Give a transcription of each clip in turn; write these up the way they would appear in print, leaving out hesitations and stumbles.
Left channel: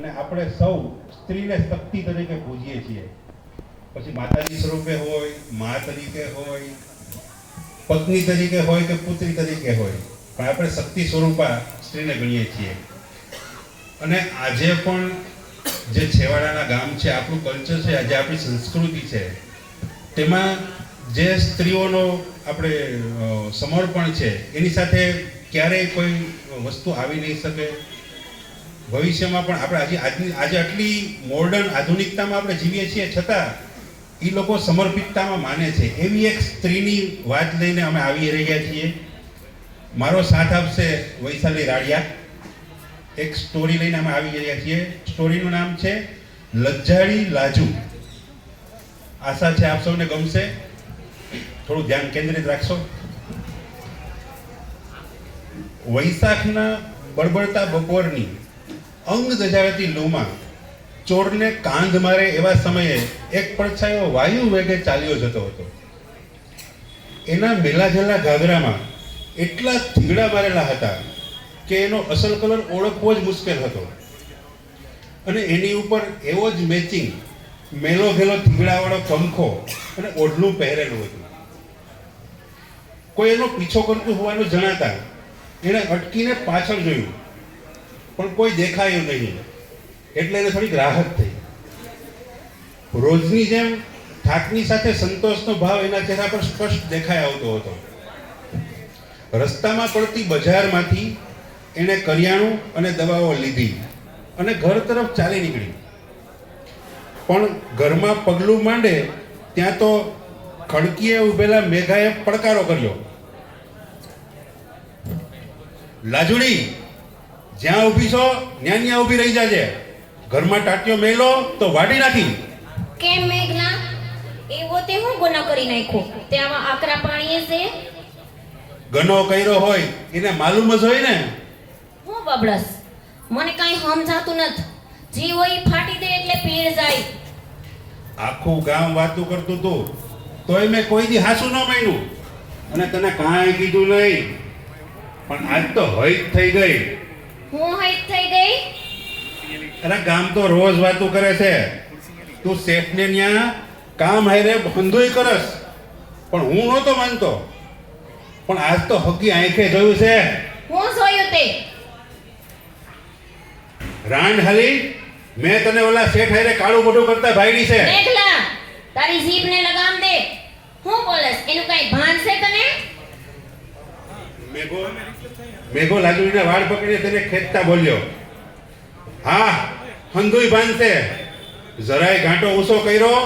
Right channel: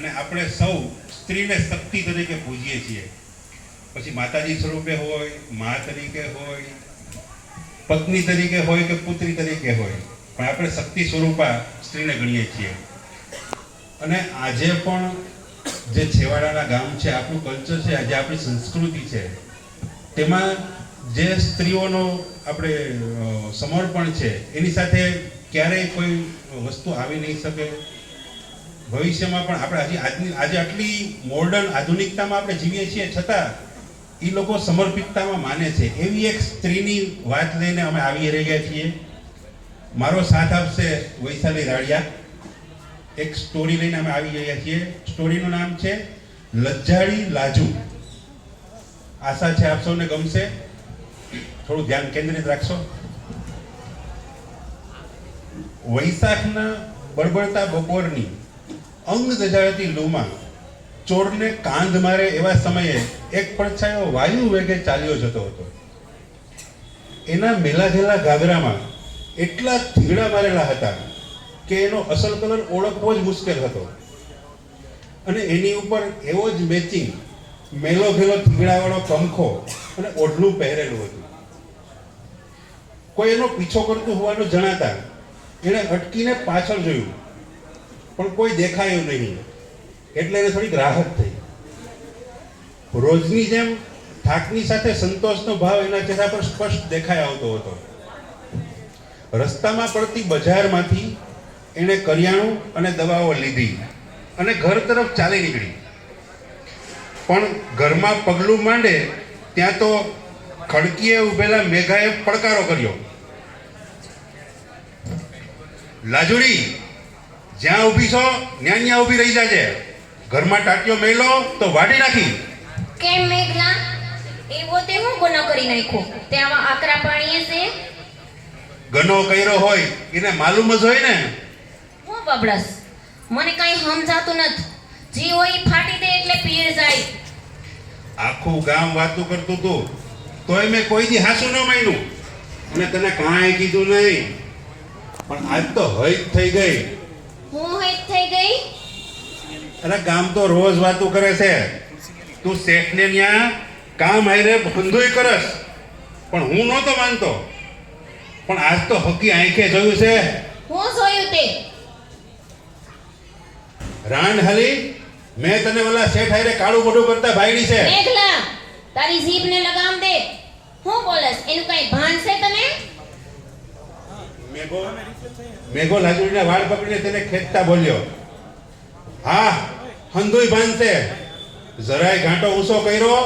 અને આપણે સૌ સ્ત્રીને શક્તિ તરીકે પૂજીએ છીએ. પછી માતાજી સ્વરૂપે હોય, મા તરીકે હોય, પત્ની તરીકે હોય કે પુત્રી તરીકે હોય, પણ આપણે શક્તિ સ્વરૂપા સ્ત્રીને ગણીએ છીએ. અને આજે પણ જે છેવાડાના ગામ છે, આપણું કલ્ચર છે, આજે આપણી સંસ્કૃતિ છે, તેમાં જે સ્ત્રીઓનો આપણે સમર્પણ છે એની સાથે ક્યારેય કોઈ વસ્તુ આવી નહીં શકે. ભવિષ્યમાં પણ આપણે આજે આટલી મોડર્ન આધુનિકતામાં આપણે જીવીએ છીએ, છતાં એ લોકો સમર્પિતતામાં માને છે. એવી એક સ્ત્રીની વાત લઈને અમે આવી રહ્યા છીએ. મારો સાથ આપશે વૈશાલી રાડિયા. એક સ્ટોરી લઈને અમે આવી રહ્યા છીએ. સ્ટોરીનું નામ છે લજ્જાળી લાજુ. આશા છે આપ સૌને ગમશે. થોડું ધ્યાન કેન્દ્રિત રાખશો. વૈશાખના બળબડતા બપોરની અંગ દજાડતી લૂમાં ચોરને કાંધ મારે એવા સમયે એક પડછાયો વાયુ વેગે ચાલ્યો જતો હતો. એના મેલાઘેલા ગાગરામાં એટલા થીગડા મારેલા હતા કે એનો અસલ કલર ઓળખવો જ મુશ્કેલ હતો. અને એની ઉપર એવો જ મેચિંગ મેલો ઘેલો થીગડાવાળો પંખો અને ઓઢલું પહેરેલું હતું. કોઈ એનો પીછો કરતું હોવાનું જણાતા એણે અટકીને પાછળ જોયું, પણ કોઈ દેખાયું નહીં. એટલે એને થોડીક રાહત થઈ. રોજની જેમ થાકની સાથે સંતોષનો ભાવ એના ચહેરા પર સ્પષ્ટ દેખાઈ આવતો હતો. રસ્તામાં પડતી બજારમાંથી એણે કરિયાણું અને દવાઓ લીધી અને ઘર તરફ ચાલી નીકળી. પણ ઘરમાં પગલું માંડે ત્યાં તો ખડકીએ ઉભેલા મેઘાએ પડકારો કર્યો. લાજુડી, જ્યાં ઊભી છો ત્યાં ઊભી રહી જાજે. ઘરમાં ટાટિયો મેલો તો વાડી નાખી. કેમ મેઘલા, એવો તે હું ગુનો કરી નાખ્યો? તે આવા આકરા પાણીએ છે? ગનો કર્યો હોય એને માલુમ જ હોય ને. હું બબડસ, મને કઈ સમજાતું નથી. જી હોય ઈ ફાટી દે એટલે પીર જાય. આખું ગામ વાતું કરતું હતું, તોય મેં કોઈ દી હાસુ ન માન્યું અને તને કાંઈ કીધું નહીં. પણ આજ તો હૈત થઈ ગઈ. હું હેત થઈ ગઈ? અરે ગામ તો રોજ વાતું કરે છે. તું શેઠને ન્યા કામ હારે બંધુય કરસ, પણ હું નહોતો માનતો. પણ આજ તો હકી આંખે જોયું છે. હું જોયું તે? રાંડ હાલી મેં તને ઓલા શેઠ હારે કાળું મોઢું કરતા ભાઈડી છે. મેઘલા, તારી જીભને લગામ દે. હું બોલસ, એનું કઈ ભાન છે તને? મેઘો લાજુડીના વાળ પકડીને તેને ખેંચતા બોલ્યો, હા હંધુય ભાન છે. જરાય ઘાંટો ઊંચો કર્યો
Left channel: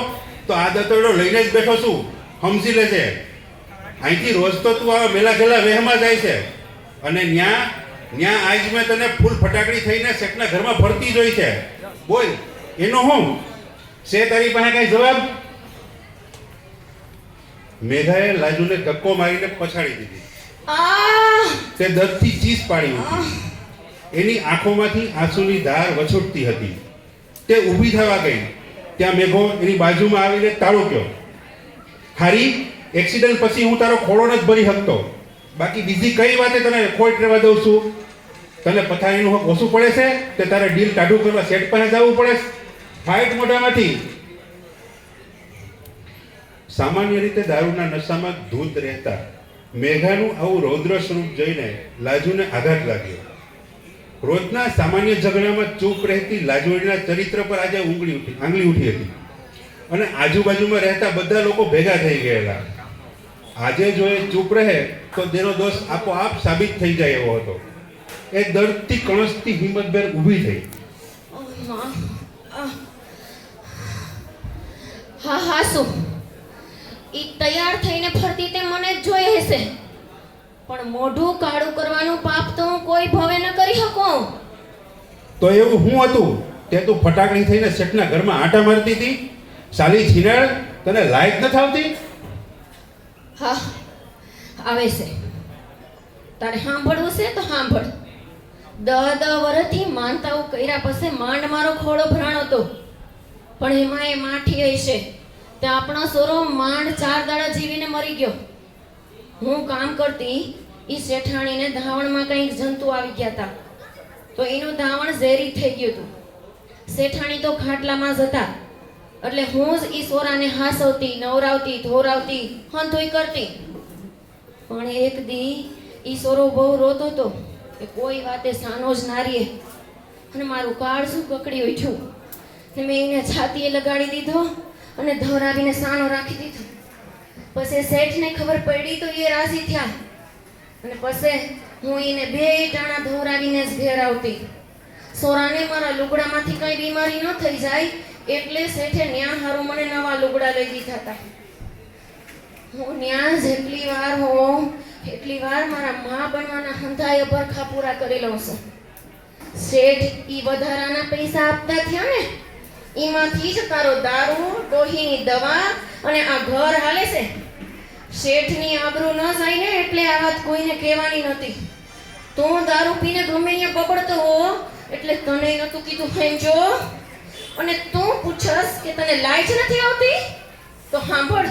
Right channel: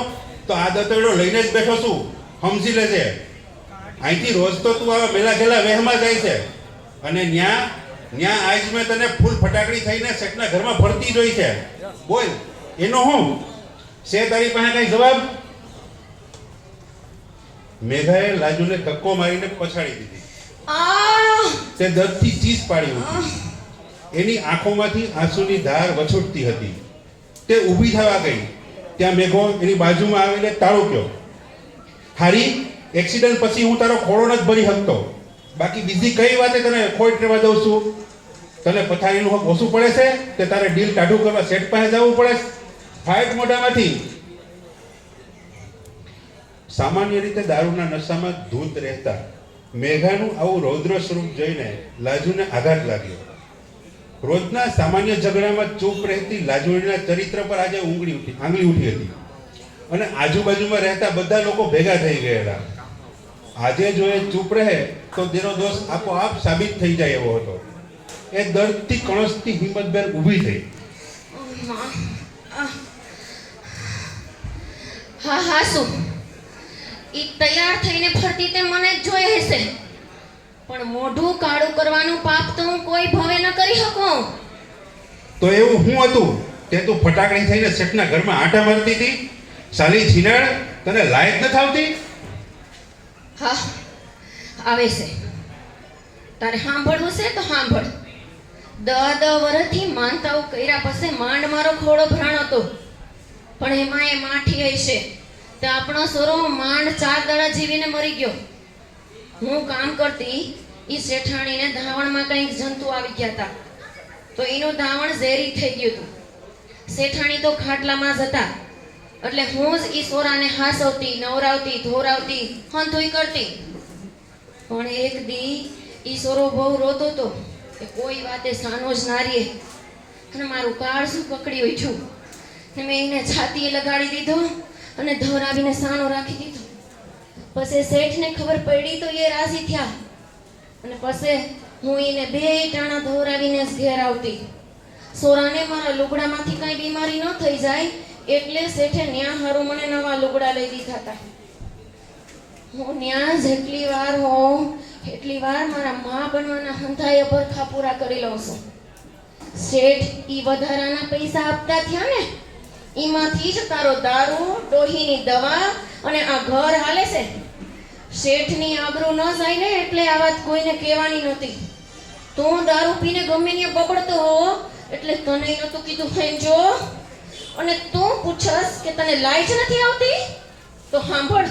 તો આ દતરડો લઈને જ બેઠો છું, સમજી લેજે. અહીંથી રોજ તો તું આવા મેલા ગેલા વહેમાં જાય છે અને ન્યા આજ મેં તને ફૂલ ફટાકડી થઈને શેઠના ઘરમાં ફરતી જોઈ છે. બોલ, એનો હું છે તારી પાસે કઈ જવાબ? મેઘાએ લાજુને ધક્કો મારીને પછાડી દીધી. તે દર્દથી ચીસ પાડી ઉઠી. એની આંખોમાંથી આંસુની ધાર વછૂટતી હતી. તે ઊભી થવા ગઈ ત્યાં મેઘો એની બાજુમાં આવીને તાળુક્યો. હારી, એક્સિડન્ટ પછી હું તારો ખોળો નથી ભરી શકતો. બાકી બીજી કઈ વાતે તને ખોટ રહેવા દઉં છું? તને પથારીનું હક ઓછું પડે છે તે તારે ડીલ ટાઢું કરવા શેઠ પાસે જવું પડે? ફાઇટ મોઢામાંથી. સામાન્ય રીતે દારૂના નશામાં ધૂત રહેતા મેઘાનું આવું રૌદ્ર સ્વરૂપ જોઈને લાજુને આઘાત લાગ્યો. રોજના સામાન્ય ઝઘડામાં ચૂપ રહેતી લાજુડીના ચરિત્ર પર આજે આંગળી ઉઠી હતી અને આજુબાજુમાં રહેતા બધા લોકો ભેગા થઈ ગયેલા. આજે જો એ ચૂપ રહે તો તેનો દોષ આપોઆપ સાબિત થઈ જાય એવો હતો. એ દર્દથી કણસતી હિંમતભેર ઊભી થઈ. હા શું ઈ તૈયાર થઈને ફરતી તે મને જ જોઈ હશે, પણ મોઢું કાળું કરવાનું પાપ તો હું કોઈ ભવે ન કરી શકું. તો એવું હું હતું તે તું ફટાકડી થઈને શેઠના ઘરમાં આંટા મારતી હતી? સાલી છીનાળ, તને લાયક ન થાવતી? હા આવે છે. તારે સાંભળવું છે તો સાંભળ. 10 વર્ષથી માનતાઓ કર્યા પછી માંડ મારો ખોળો ભરાણો હતો, પણ એમાં એ માઠી હશે તો આપણો સોરો માંડ 4 દાડા જીવીને મરી ગયો. હું કામ કરતી ઈ શેઠાણીને ધાવણમાં કંઈક જંતુ આવી ગયા હતા, તો એનું ધાવણ ઝેરી થઈ ગયું હતું. શેઠાણી તો ખાટલામાં જ હતા એટલે હું જ ઈ સોરાને હાસવતી, નવરાવતી, ધોરાવતી, હંધુય કરતી. પણ એક દી ઈ સોરો બહુ રોતો તો કે કોઈ વાતે સાનો જ નારીએ, અને મારું કાળજું પકડી ઉઠ્યું ને મેં એને છાતીએ લગાડી દીધો અને ધોરાવીને સાનો રાખી દીધો. પછી શેઠને ખબર પડી તો એ રાજી થયા અને પછી હું એને બે ટાણા ધોરાવીને જ ઘેર આવતી. સોરાને મારા લુગડામાંથી કઈ બીમારી ન થઈ જાય એટલે શેઠે ન્યા હારું મને નવા લુગડા લઈ દીધા હતા. હું ન્યા જેટલી વાર હોઉં એટલી વાર મારા મા બનવાના હંધાય ભરખા પૂરા કરી લઉં છું. શેઠ ઈ વધારાના પૈસા આપતા થયા ને ઈમાંથી જ તારો દારૂ, ડોહીની દવા અને આ ઘર હાલે છે. શેઠની આબરૂ ન જાય ને એટલે આ વાત કોઈને કહેવાની નહોતી. તું દારૂ પીને ગમે ત્યાં બગડતો હો એટલે તને નહોતું કીધું હેંજો. અને તું પૂછસ કે તને લાજ નથી આવતી તો સાંભળ,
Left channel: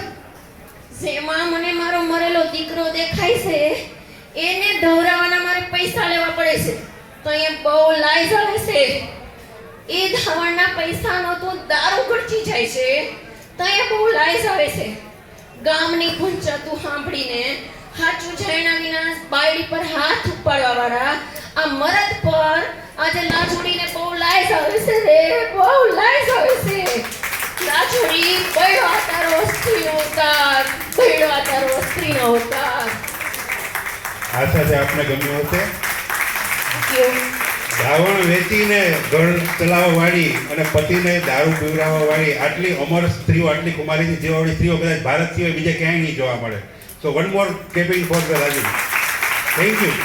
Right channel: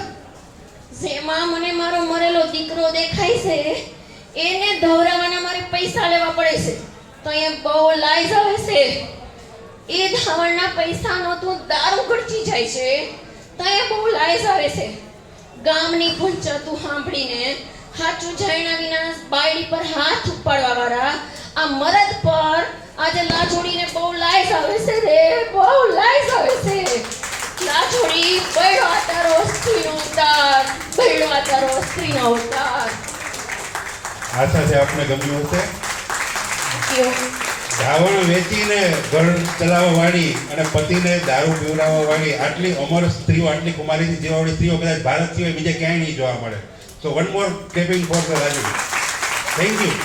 જેમાં મને મારો મરેલો દીકરો દેખાય છે એને ધવરાવાના મારે પૈસા લેવા પડે છે તો એમ બહુ લાજ આવે છે. એ ધાવણના પૈસાનો તું દારૂ ગળચી જાય છે તો એ બહુ લાજ આવે છે. ગામની પંચાયતું સાંભળીને હાચું જાણ્યા વિના બાયડી પર હાથ ઉપાડવા વાળા આ મરદ પર આજે લાજોડીને બહુ લાજ આવે છે રે, બહુ લાજ આવે છે. લાજોડી બળવા તારો સ્ત્રીનો અવતાર, બળવા તારો સ્ત્રીનો અવતાર. આશા છે આપને ગમ્યું હશે. દાવણ વેચીને ઘર ચલાવવા વાળી અને પતિને દારૂ પીવડાવવા વાળી આટલી અમર સ્ત્રીઓ, આટલી કુમારી જેવાળી સ્ત્રીઓ કદાચ ભારત સિવાય બીજે ક્યાંય નહીં જોવા મળે. So one more capping for the Raju. Thank you.